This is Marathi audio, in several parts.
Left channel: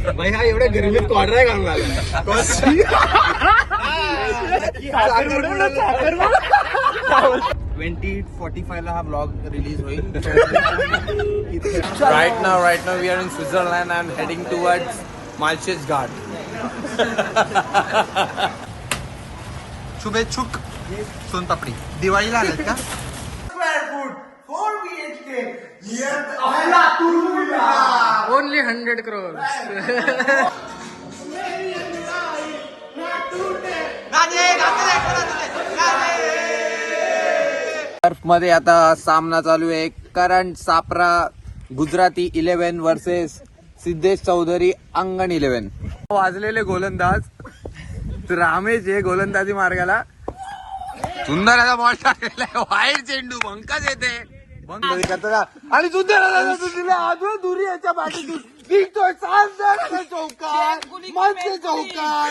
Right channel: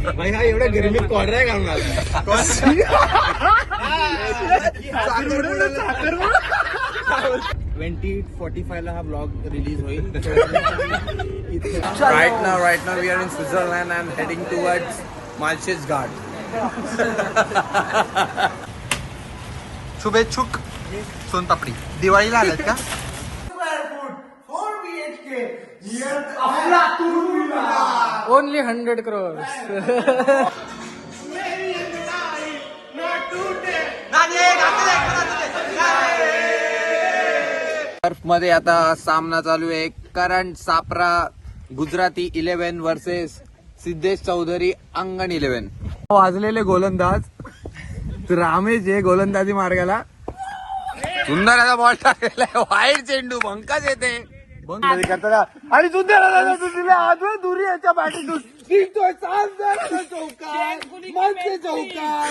भाई हा एवढ्या गरमीत क्वाड्रा घालणार 2045 ला हा ब्लॉग रिलीज होईल. Right now we are in Switzerland and heading towards Malches Ghat. शुभेच्छुक सोनपापडी दिवाळीला आलात का? Only 100 crores. टर्फ मध्ये आता सामना चालू आहे. करंट सापरा गुजराती 11 वर्सेस सिद्धेश चौधरी अंगण 11. वाजलेले गोलंदाज रामेश हे गोलंदाजी मार्गाला सुंदर असा बॉल टाकलेला आहे. वाईट चेंडू भंकाच येते आणि सुंदर दुरी याच्या बॅटीतून दिसतोय चौकार मनसे चौकार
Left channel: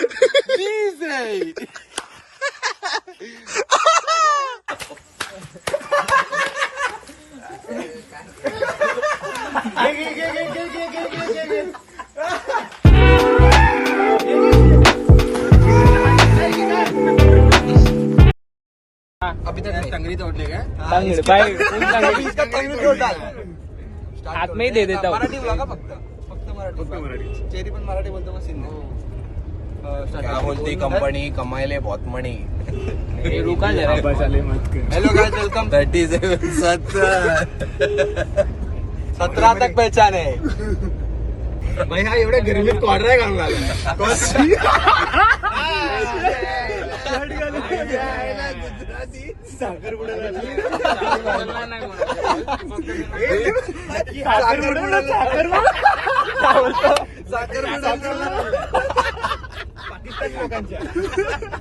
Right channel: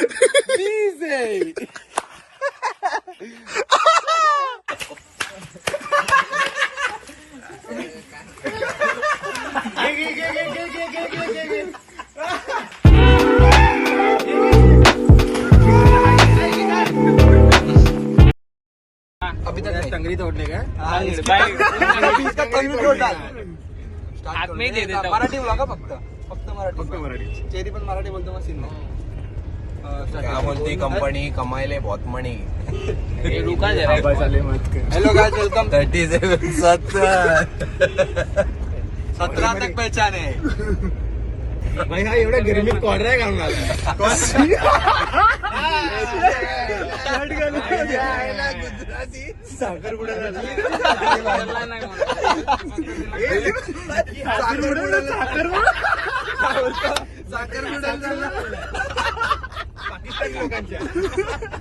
अभी तक टंगरी तोड़ली है. मराठी बोला का फक्त मराठी. चेरी पण मराठी बोलतो मग सीन नाही. क्या बोलती कंपनी कमायले बहुत मनी. Hello guys welcome. 17 तक पहचान है. भाई हा एवढ्या गरमीत क्वाड्रा घालणार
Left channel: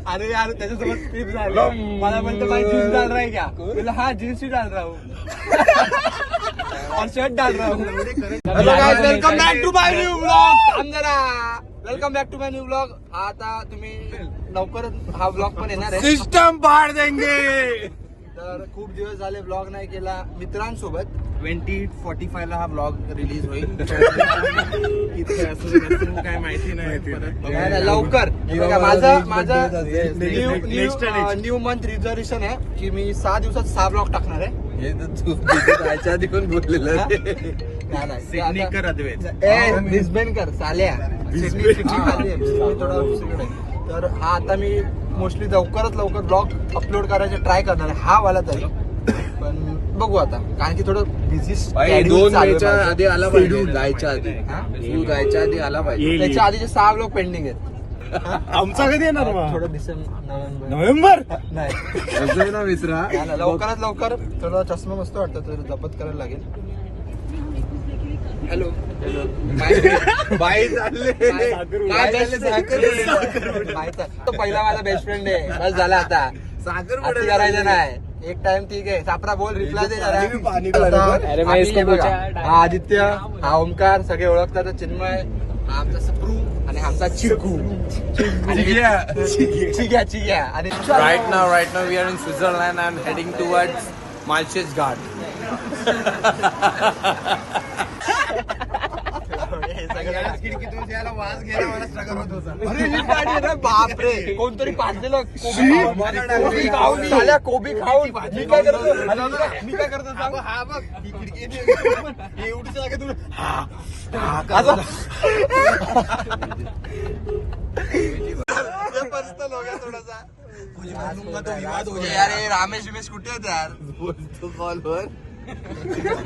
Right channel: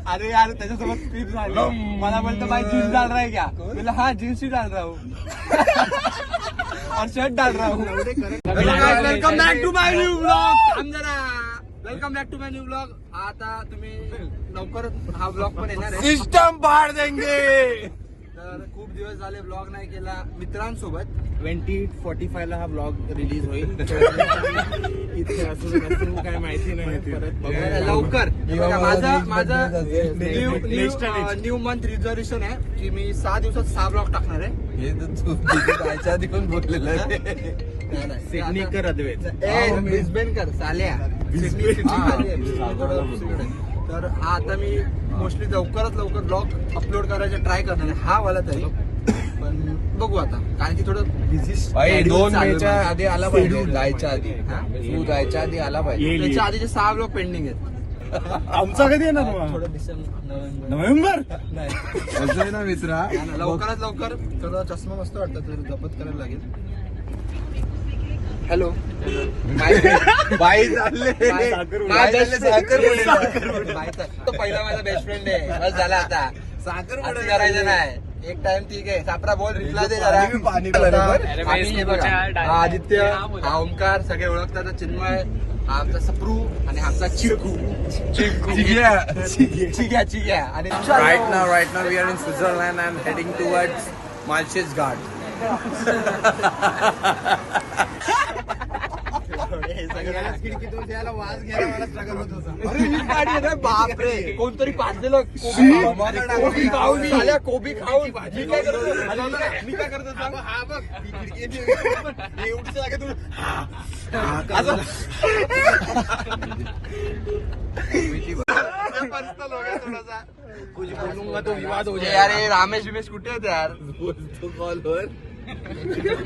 अरे यार त्याच्यासोबत ट्रिप झाली. मला बोलतो भाई जीन्स डाल रहा है क्या? बोला हाँ जीन्स ही डाल रहा हूँ और शर्ट डाल रहा हूँ. Hello guys welcome back to my new blog. Welcome back to my new blog. आता तुम्ही लवकरच हा ब्लॉग पण येणार आहे. सिस्टम पाड देंगे. तर खूप दिवस झाले ब्लॉग नाही केला मित्रांसोबत. 2045 ला हा ब्लॉग रिलीज होईल. इथे असं काय माहिती नाही. परत लवकर माझं न्यू मंथ रिझर्वेशन आहे की मी 6 दिवसात 6 ब्लॉग टाकणार आहे. त्याच्या आधी पण बोललेलं सिडनी कर अद्वैत ब्रिस्बेन कर चाल्या. तर हा आता मी मोस्टली लवकर ब्लॉग अपलोड करायचे ट्राय करणार आहे. हा वाला तरी पण बघू आता कारण की थोडं बिझी. 2 महिन्याच्या आधी आला पाहिजे. जायच्या आधी जायच्या आधी आला पाहिजे. त्याच्या आधीचे 6 ब्लॉग पेंडिंग आहेत. आमचा कधी येणार मग? थोडं डिसेंबर नोव्हेंबर नाही ना विसरा. लवकरात लवकर. थोडा चष्मा मस्त वाटतं तर जपत करायला लागेल. हॅलो बाई तो पहिला माझा बेस्ट फ्रेंड आहे. बस झाला आता साखर करायचं नाही. एक टाइम ठीक आहे. सापरा बोल रिप्लाय दे जरा. हा आदित्य हा ओमकार सगळे ओळखतात. चिन्मय आमचा सप्रू आणि आमचा चिकू चिग्या आणि Right now we are in Switzerland and heading towards Malches Ghat. खिडकीतून यायला वास घ्यायला मला स्ट्रगल होत होता. अरे ही गाडी आहे ना बापरे. कोणतरी पाजलेलं कोबी खाऊन कोबी खाऊन मी काय करतो सांग. हा बघ एवढी जागा तू पर्सनल हो गया थोडासा. अरे रामेश बिमेश कुठे आहेत यार? बोलतो कॉलवर.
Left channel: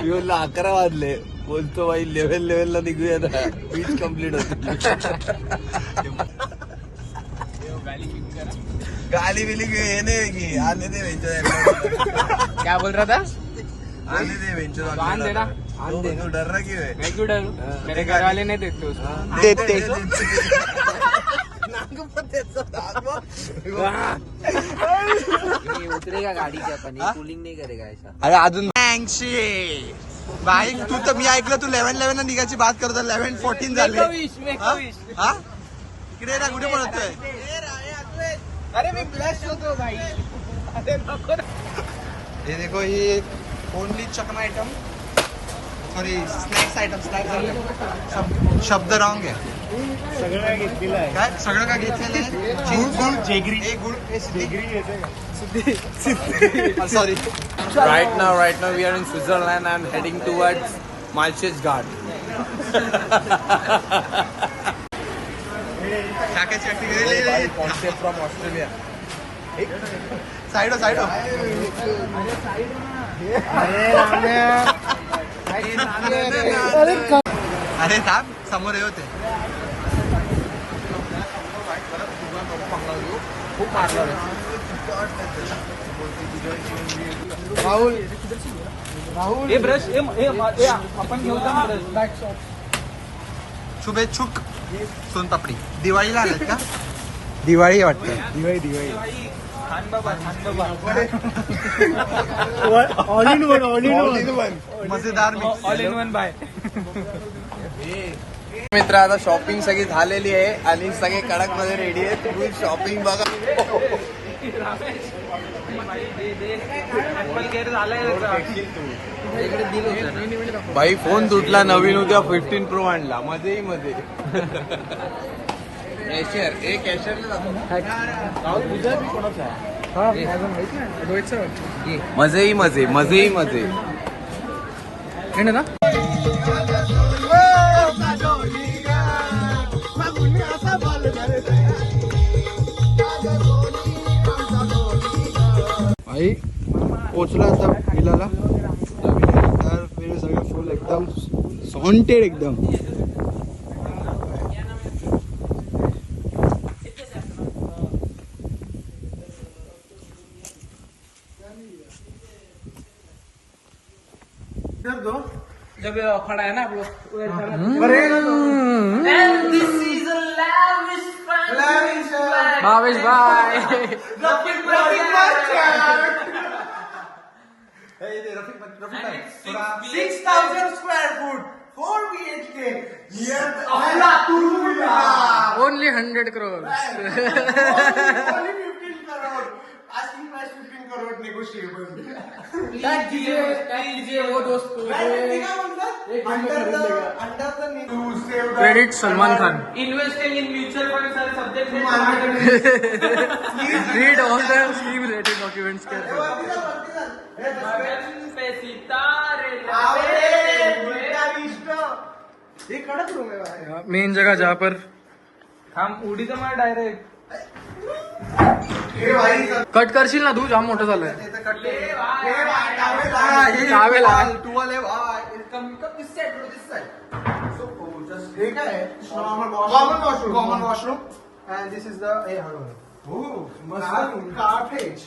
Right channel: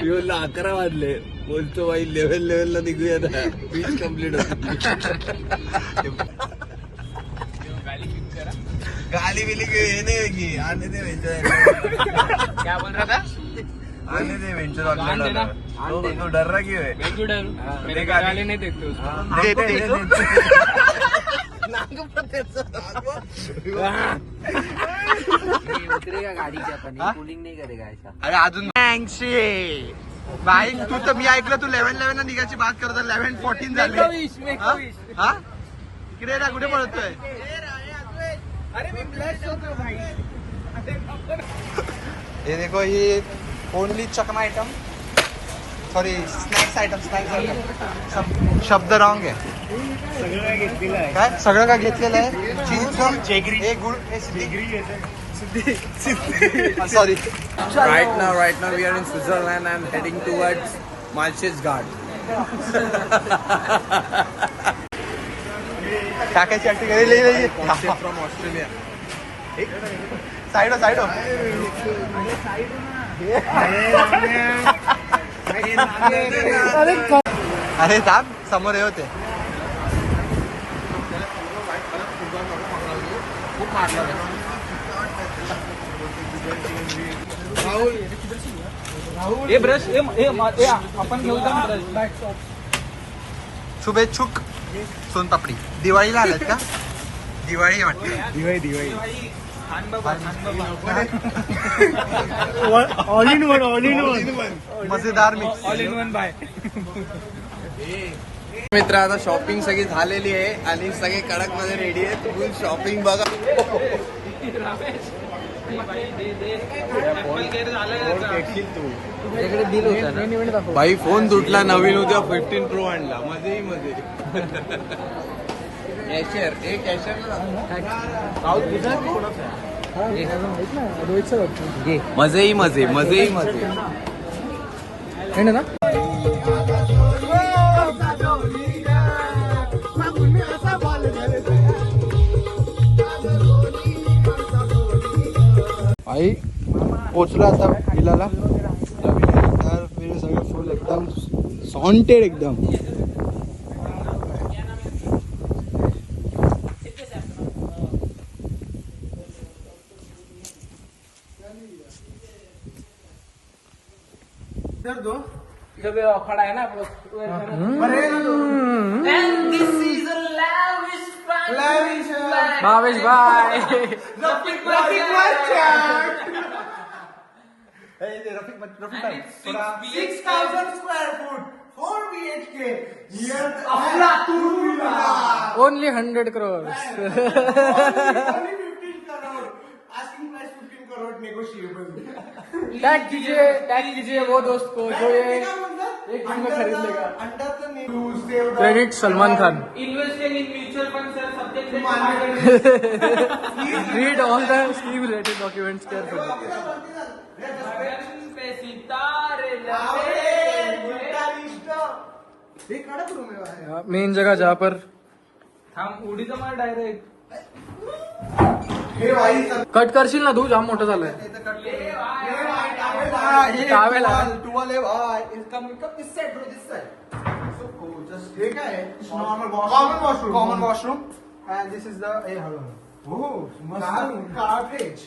येऊला 11 वाजले. बोलतो बाई लेवलला निघूया ना. बीच कम्प्लीट होत. गाली बिली हे नाही की आने दे वेंचर. क्या बोल रहा था? आने दे वेंचर. आन देना. तू डर रहा क्यों है? मैं क्यों डरूं? मेरे घर वाले नहीं देते उसको. उतरेगा गाड़ी से अपन कूलिंग नहीं करेगा ऐसा. अरे अजून भाई तू तर मी ऐकलं तू 11 ला निघायची बात करतो. 11:14 झाले. हा इकडे ना कुठे पळतोय? अरे मी ब्लॅश होतो भाई. हे देखो ये ओनली चकना आइटम सॉरी स्नॅक्स आयटम शब्द रॉंग आहे काय सगळं काय घेतलेलं आहे सॉरी राईट नाव we are in Switzerland I am heading towards marshes guard टाकायची साईडो अरे साहेब समोर हे होते शुभेच्छुक सोनपापडी दिवाळीला आलात का दिवाळी वाटते दिवाळी ऑल इन वन मजेदार ऑल इन वन बाय मित्र आता शॉपिंग सगळी झालेली आहे आणि सगळे कडक मध्ये रेडी आहे फुल शॉपिंग बघा भाई फोन तुटला नवीन उद्या 15 प्रो आणला मध्ये मजे ना आई पोचलो आता विलाला तर फिर सगळं फुल एकदम सॉन्टेड एकदम जब खड़ा है ना आप लोग भावेश भाई ओनली 100 crores टैग कीजिए वो दोस्त को जो ये एक दिन में खरीद लेगा credit Salman Khan investing in mutual fund sir subject read all the scheme related documents carefully main जगह जहाँ पर हम उडी तर मला डायरेक्ट कट करशील ना तू जाम मोठं झालंय towel common washroom and this is the cartridge.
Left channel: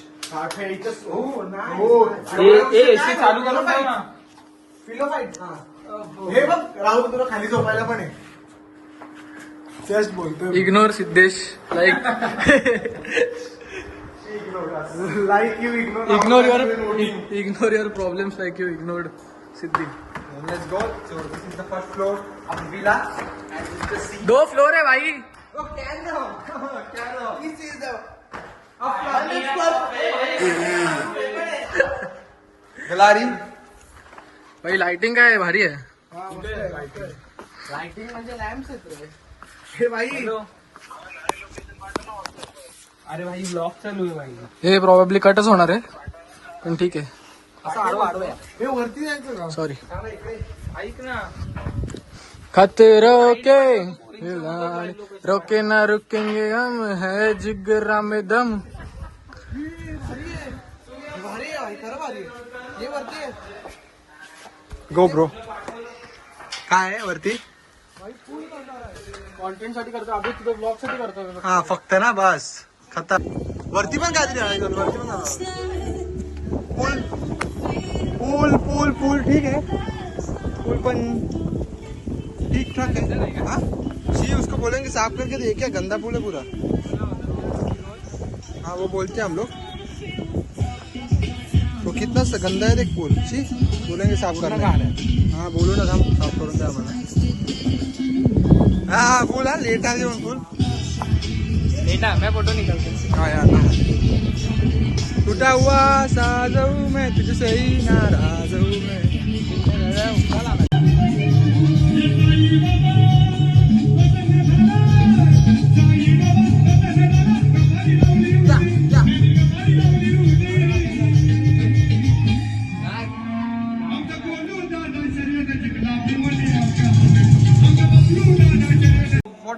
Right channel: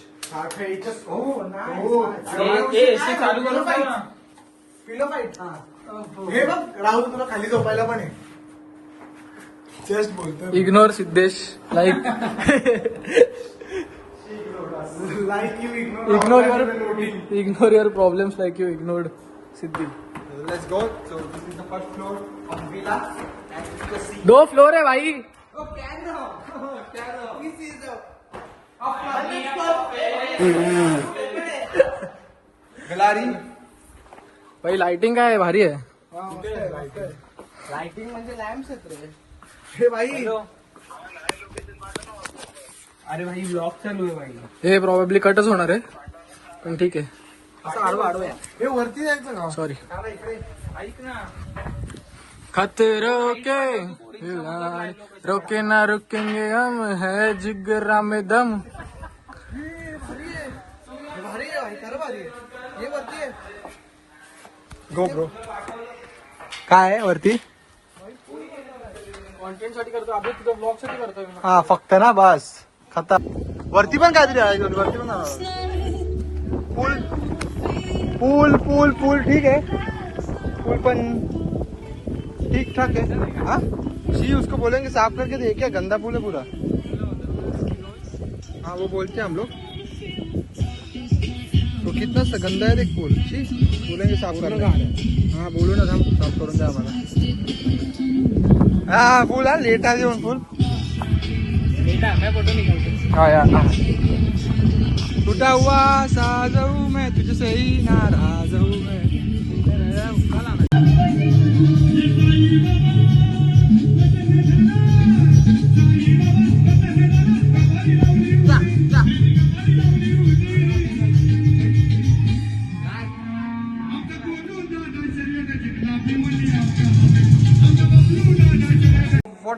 Oh, nice. AC चालू करू का? हे बघ राहुल तुला खाली झोपायला पण आहे जस्ट बोलतो ignore Siddhesh like like you ignore your problems like you ignored Siddhi let's go so this is the first floor of the villa 2 floor है भाई oh carry on this is the गलारी भाई लाइटिंग काय भारी आहे लाइटिंग म्हणजे लॅम्प्स आहेत रे हे भाई अरे भाई ब्लॉग चालू आहे भाई हे प्रॉबेबली कटच होणार आहे पण ठीक आहे असं आडवा हे वरती जायचं ना सॉरी ऐक ना खतरों के रोके ना रुकेंगे हम है जिगरा में दम भारी आहे भाई खरं भारी आहे हे वरती आहे गो ब्रो काय आहे वरती कॉन्टेंट साठी करतो अभि तुझं ब्लॉग साठी करतोय हा फक्त ना बस खतर वरती पण काहीतरी आहे वरती पण पूल पूल पूल पूल ठीक है पूल पण ठीक ठाक है हाँ जी उसको बोलेंगे साफ करके दे क्या गंदा पूल है पूरा हाँ वो बोलते हैं हम लोग तो कितना सा गंदा है देख पूल जी बोलेंगे साफ करना हाँ बोलो ना हम साफ करून द्या आम्हाला हाँ पूल हाँ लेट आ जाओ पूल बेटा मैं फोटो निकालता हाँ यार हाँ टूटा हुआ साजू मैं तुझसे ही नाराज हूँ मैं What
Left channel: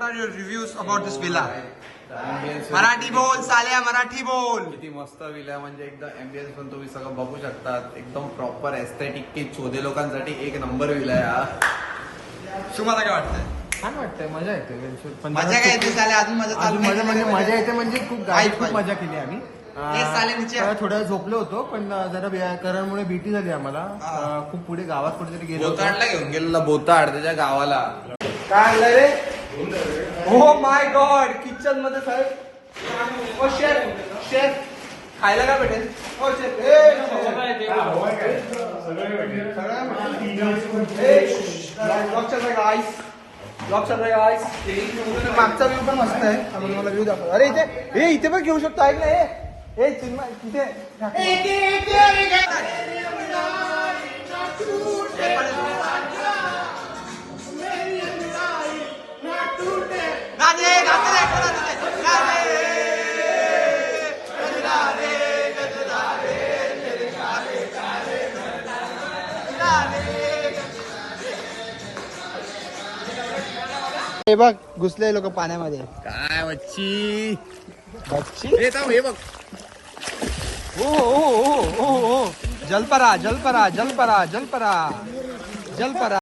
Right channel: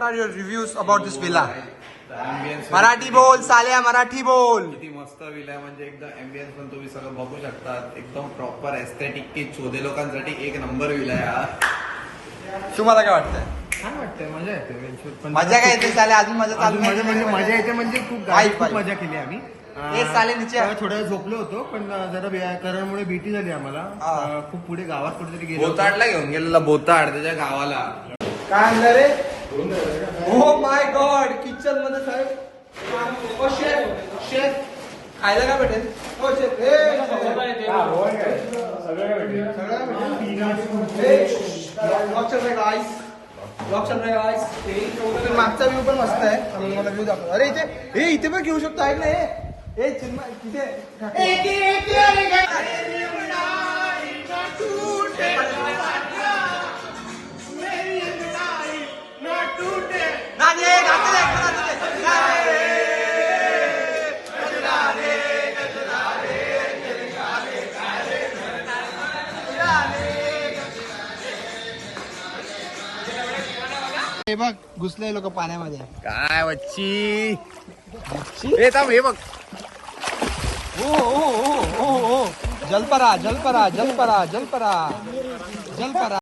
are your reviews about this villa? Marathi बोल साल्या, मराठी बोल. किती मस्त विला म्हणजे एकदम एम्बियन्स पण तुम्ही सगळं बघू शकतात. एकदम प्रॉपर एस्थेटिक की शोधे लोकांसाठी एक नंबर विला आहे. तुम्हाला काय वाटतंय? छान वाटतंय, मजा येते. मजा काय येते साल्या? अजून मजा चालू मजा म्हणजे मजा येते म्हणजे खूप पाहिजे. खूप मजा केली आम्ही. तेच साले नीचे. जरा थोडा वेळ झोपलो होतो पण जरा करंमुळे भीती झाली आम्हाला. खूप पुढे गावात कुठेतरी गेलो होतो. बोताडला घेऊन गेलेला बोताड त्याच्या गावाला. काय आणलं रे? ओ माय गॉड, किचन मध्ये साहेब. ओ शेफ, खायला काय भेटेल? ओ शेफ, मागचा व्ह्यू पण मस्त आहे. आम्ही तुम्हाला व्ह्यू दाखवतो. अरे इथे इथे पण घेऊ शकतो. ऐक ना हे चिन्मय तिथे हे बघ घुसले लोक पाण्यामध्ये. काय वच्ची हे थांब हे बघ. जलपरा जलपरा जलपरा जलपरा जलपरा.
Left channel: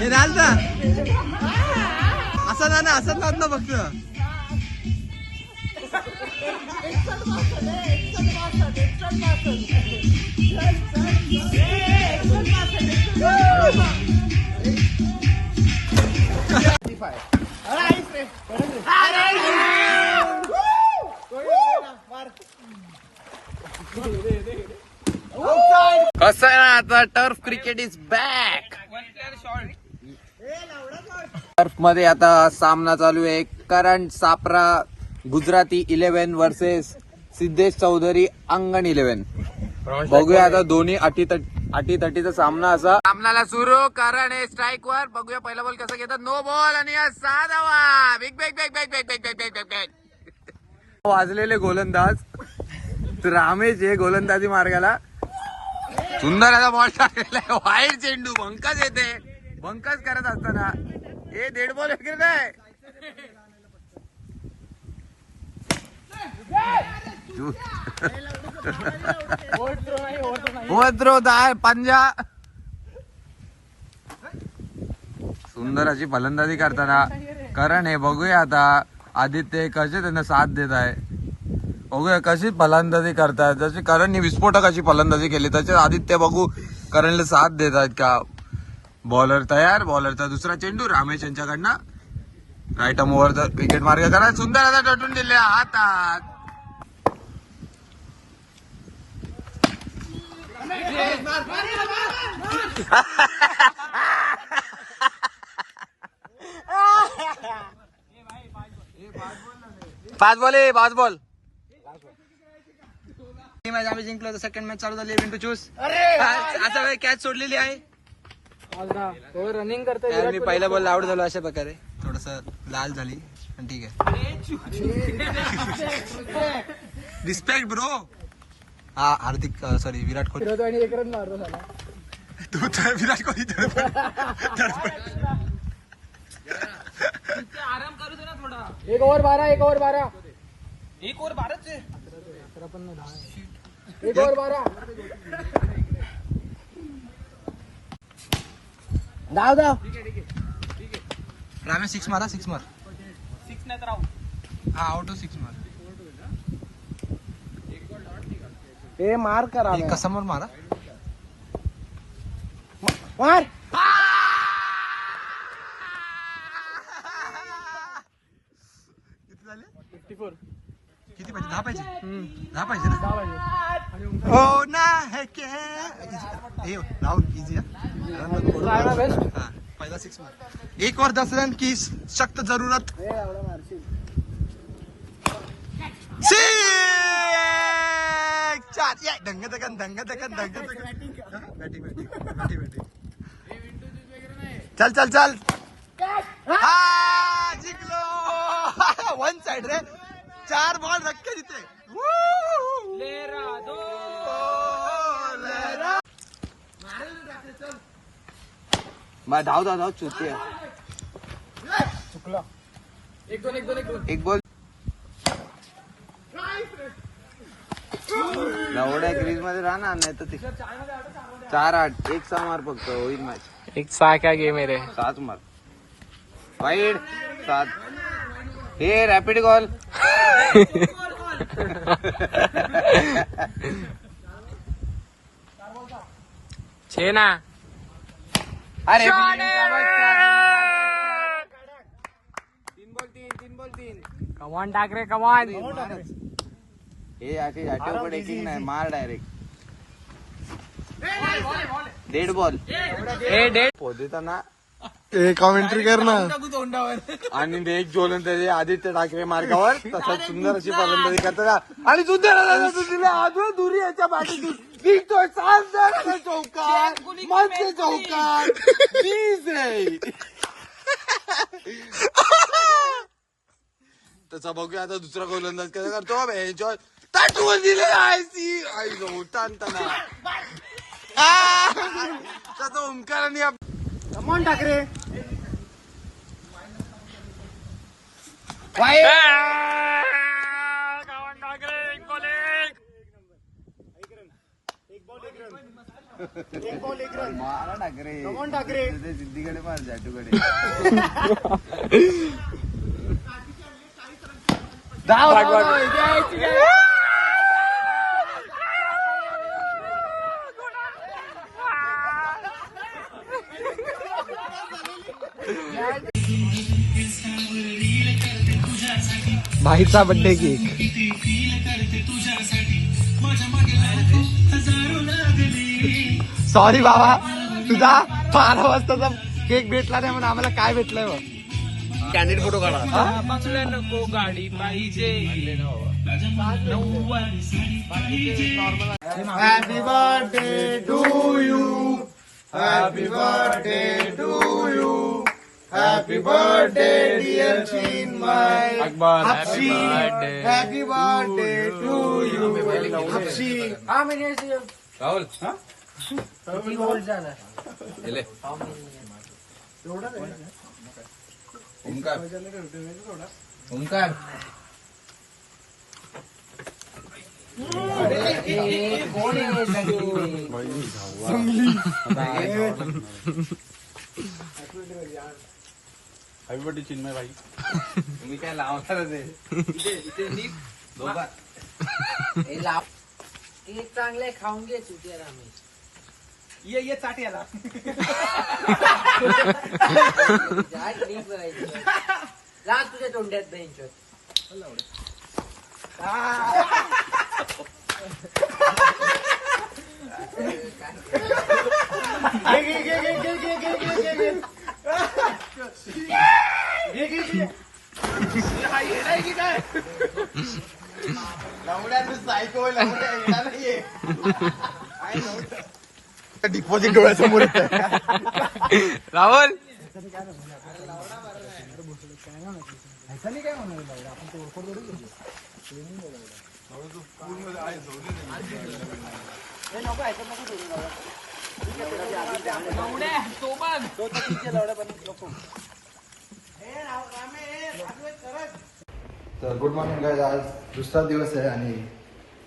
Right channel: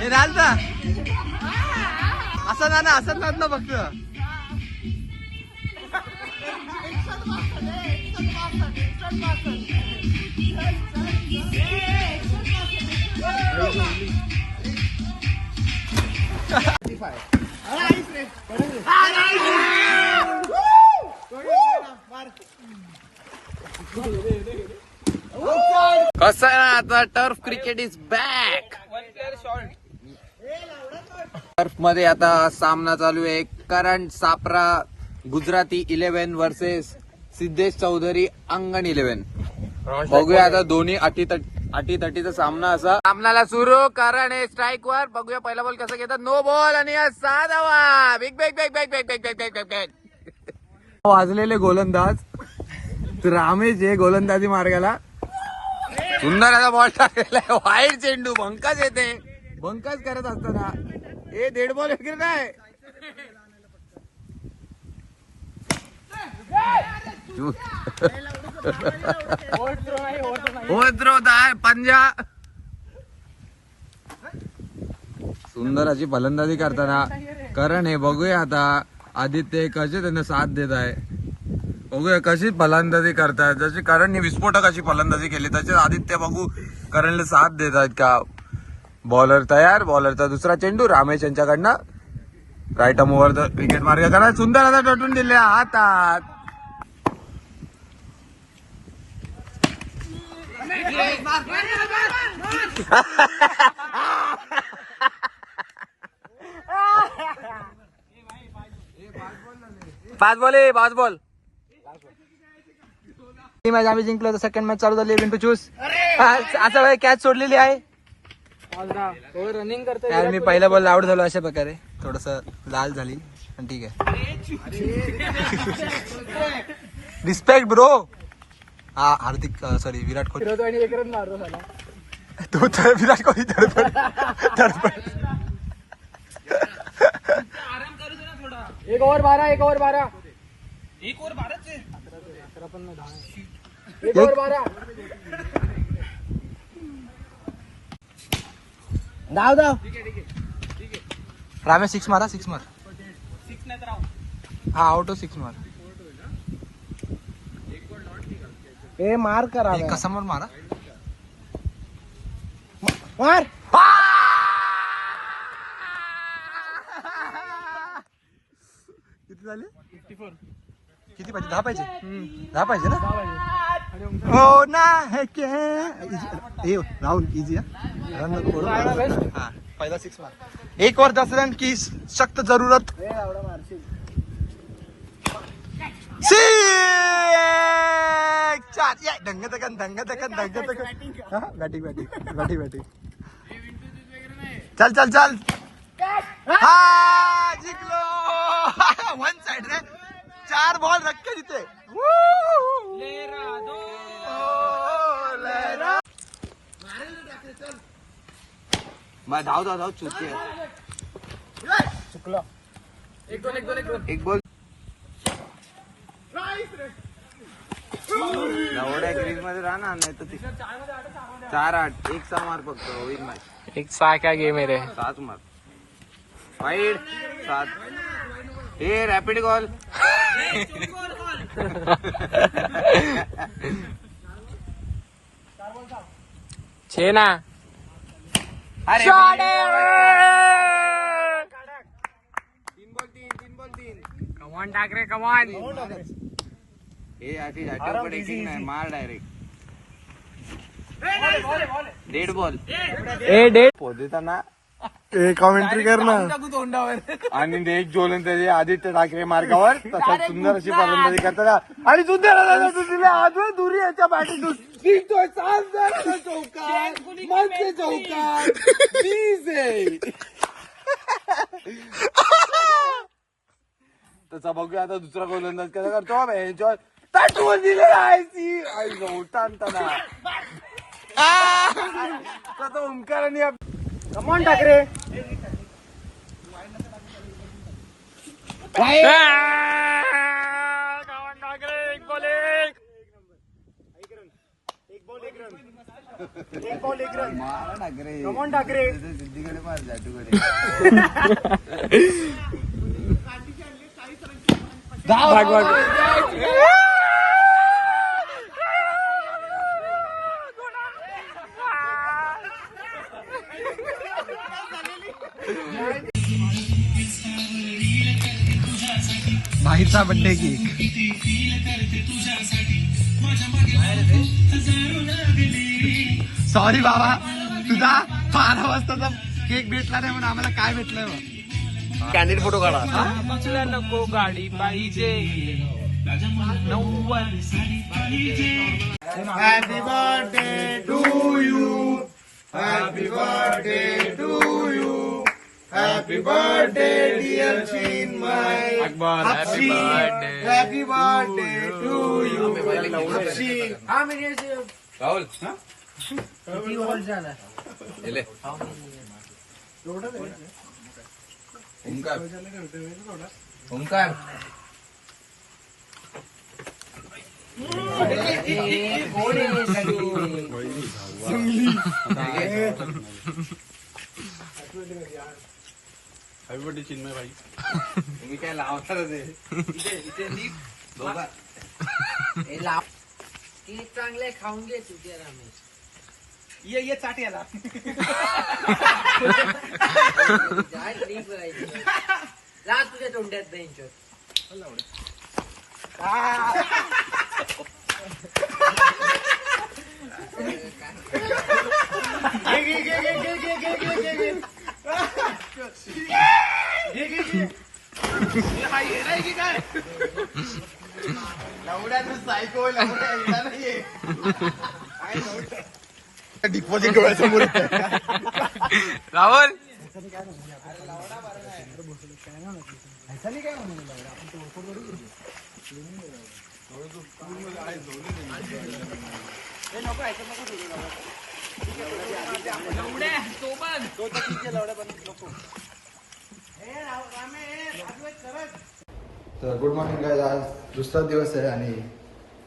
हे राजा असं ना असं ना फक्त. कसं आहे ना आता turf cricket is back. Turf मध्ये आता सामना चालू आहे. करण सापरा गुजराती 11 वर्सेस सिद्धेश चौधरी अंगण 11. बघूया आता दोन्ही अटीतटीचा सामना असा. सामनाला सुरू. करण हे स्ट्राईक वर. बघूया पहिला बॉल कसा घेतात. नो बॉल आणि 6 धावा. Big bag bag bag bag bag bag bag bag. वाजलेले गोलंदाज तर रामेश हे गोलंदाजी मार्गाला. सुंदर असा बॉल टाकलेला आहे. वाईट चेंडू. बंकाच येते. बंकाच करत असताना हे डेड बॉल वगैरे काय. पंजा. सुंदर अशी फलंदाजी करताना करण हे बघूया आता. आदित्य कसे त्यांना साथ देत आहे. बघूया कशी फलंदाजी करतायत. जशी करणने विस्फोटक अशी फलंदाजी केली तसे आदित्य बघू करणला साथ देत आहेत का. बॉलर तयार. बॉलरचा दुसरा चेंडू रामेश यांच्याकडनं. राईट आर्म ओव्हर विकेट मार्ग करा. सुंदर आता टटून दिले हातात. पाच बॉल. ही मॅच आम्ही जिंकलो. तर सेकंड मॅच चालू झाली. Event to choose. आता कॅच सोडलेली आहे. रनिंग करतोय. मी पहिला बॉल आउट झालो अशा प्रकारे. थोडस लाल झाली पण ठीक आहे. Respect bro. हा हार्दिक सॉरी विराट कोहली. तो तर विराट कोहली एक ओव्हर 12 एक ओव्हर 12 एक ओव्हर 12 एक ओव्हर 12 धाव. ठीक आहे. रामेश 6 मारा. 6 मार. 6 नाही तर आउट. हा आउट 6 मार. ए मार करा. एक समोर मारा. मार. किती झाले? 54. किती पाहिजे? 10 पाहिजे. 10 पाहिजे ना. 10 पाहिजे. हो ना है क्या राहुल कीजिए. हाँ पहिला 6 मार. 1 और 10 रन की सख्त जरूरत. चार या ढंग दगन ढंग दगन ढंग दगन बॅटिंग बॅटिंग बॅटिंग बॅटिंग चल चल चल हा जिंकलो वन साइड रे 4 बॉल रखे तिथे धाव धाव धाव चुकी चुकलो एक एक गोल बॉल एवढ्या क्रीज मध्ये राहणार नाही तर 4-8 एक 6 मार फक्त होईल मॅच 1-6 क्या गेम है रे 7 मार वाईड 7 हे रॅपिड कॉल छे ना अरे 3 बॉल 3 कमॉन टाक रे कमॉन हे आठवकडे किंग नाही मार डायरेक्ट डेड बॉल देताना कॉमेंट्री कर ना आणि एक जोलन त्याचे आदित्य ठाकरे मार्गावर तसं सुंदर अशी फलंदाजी करतात आणि सुंदर दुरी याच्या बॅटिंगून दिसतोय चौकार मनसे चौकार त्याचा बघूया आता दुसरा गोलंदाज कसा करतो एन्जॉय ताटून दिलेला आहे ओंकाराने कमॉन ठाकरे कमॉन टाक रे एक बॉल मारा ठाकरे कमॉन ठाकरे सिद्धीकडे पाहिजे जाटूकडे धाव भाईचा बर्थडे केक सॉरी बाबा तुझा 12 वाजताचा केक भेटला नाही म्हणून आम्हाला काय भेटलंय बघ कॅन्डिडेट फोटो काढा बघल्या नको गाडी पाहिजे 90 happy birthday to you happy birthday to you happy birthday dear Chinmay happy birthday to you Rahul Omkar Omkar Chinmay भाई तुम्ही काय लावणार चांगले खाऊन घे तुझे रमेश ये चाट याला जा तुझ्या तोंड्यात बेंच डिपॉझिट डोळ्यासमोर राहुल तर गुड मॉर्निंग गाइस आज दुसरा दिवस आहे आणि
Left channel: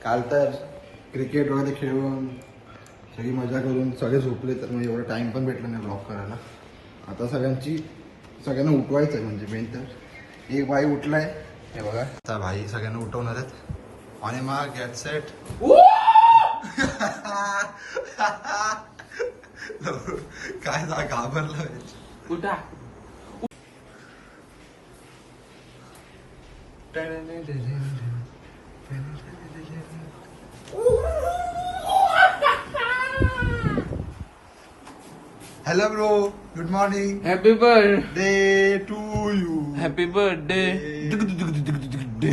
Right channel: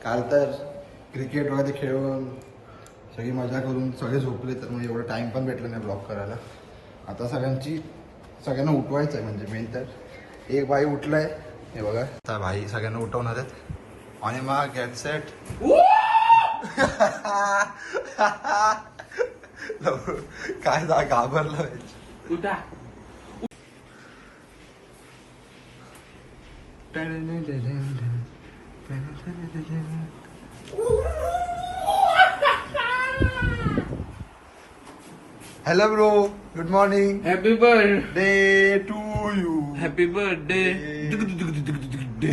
काल तर क्रिकेट वगैरे खेळून सगळी मजा करून सगळे झोपले तर मग एवढं टाइम पण भेटलं नाही ब्लॉग करायला. आता सगळ्यांना उठवायचं आहे म्हणजे मेन तर एक भाई उठलाय हे बघा आता भाई सगळ्यांना उठवणार आहेत. On a mark get set काय घाबरलं उठा hello bro good morning happy birthday day to you happy birthday हे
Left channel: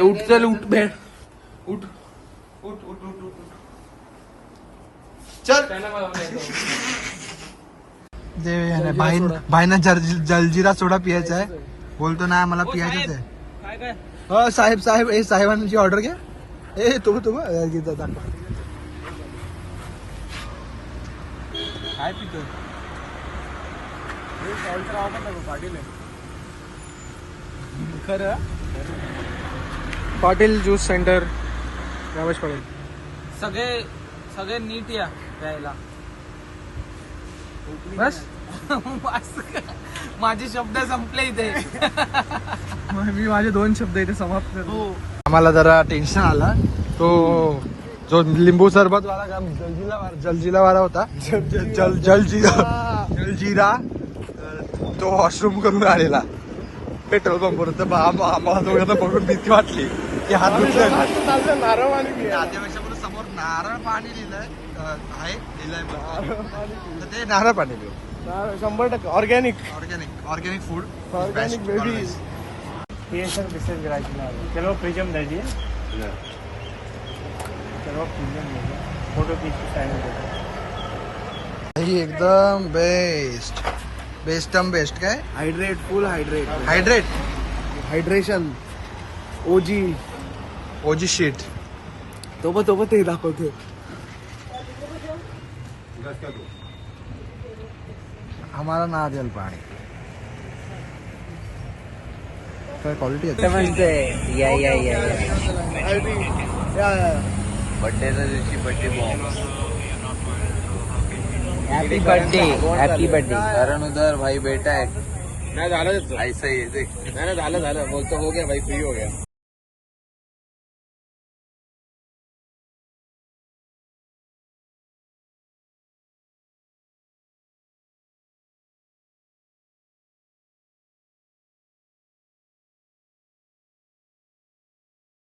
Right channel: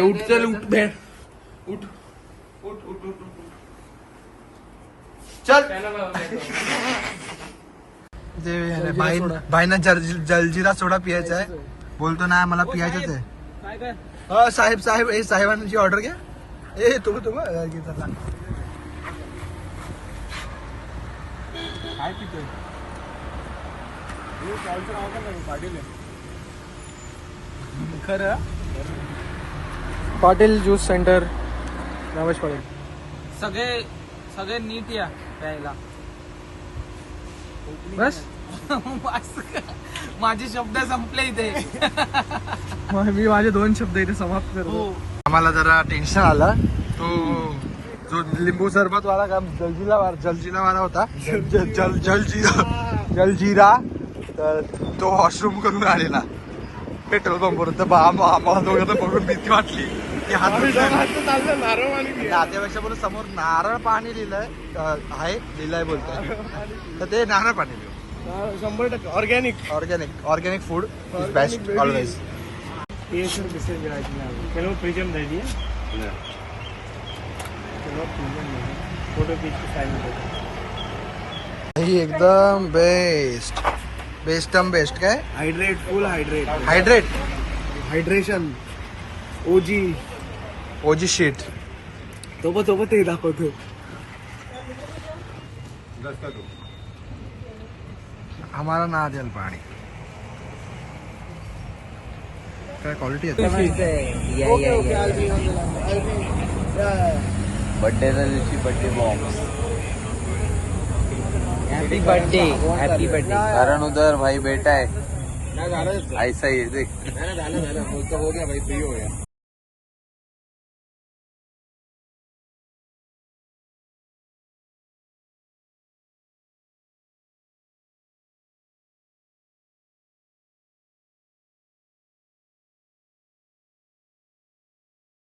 उठ चल उठ बे उठ उठ उठ उठ चल भाईना जलजिरा सोडा पियायचा आहे. बोलतो ना मला पियायचंच आहे. काय काय हो साहेब साहेब हे साहेबांची ऑर्डर घ्या. ए तो काय पितोय पाटील खरं पाटील ज्यूस सेंटर रमेश पाटील. सगळे सगळे नीट या प्यायला बस माझे शब्द संपले इथे मी माझे 2 शब्द इथे समाप्त करतो. आम्हाला जरा टेन्शन आला. तो जो लिंबू सरबत वाला का जलजिरा वाला होता जलजिरा तर तो वॉशरूम करून आलेला पेट्रोल पंपवर. तर आम्हाला दोघांना बघून भीती वाटली की हात नातेपेक्षा बरोबर समोर नारळ पाणी लिहिलंय लिहिलंय बोलतोय तर ते नारळ पाणी लिहू 100% organic food is best always. चलो प्रेजेंट दीजिए चलो फोटो एकदम बेस्ट बेस्ट काय हायड्रेट फुल हायड्रेट हायड्रेशन ओजी शीट तो ते दाखवतो. हमारा ना जल पाणी काय क्वालिटी आहे. हैप्पी बर्थडे करण उधर भाई बेटा है नाही झालं ऐसा ही देख झालं बोलतो हो गया भाई फ्री हो गया.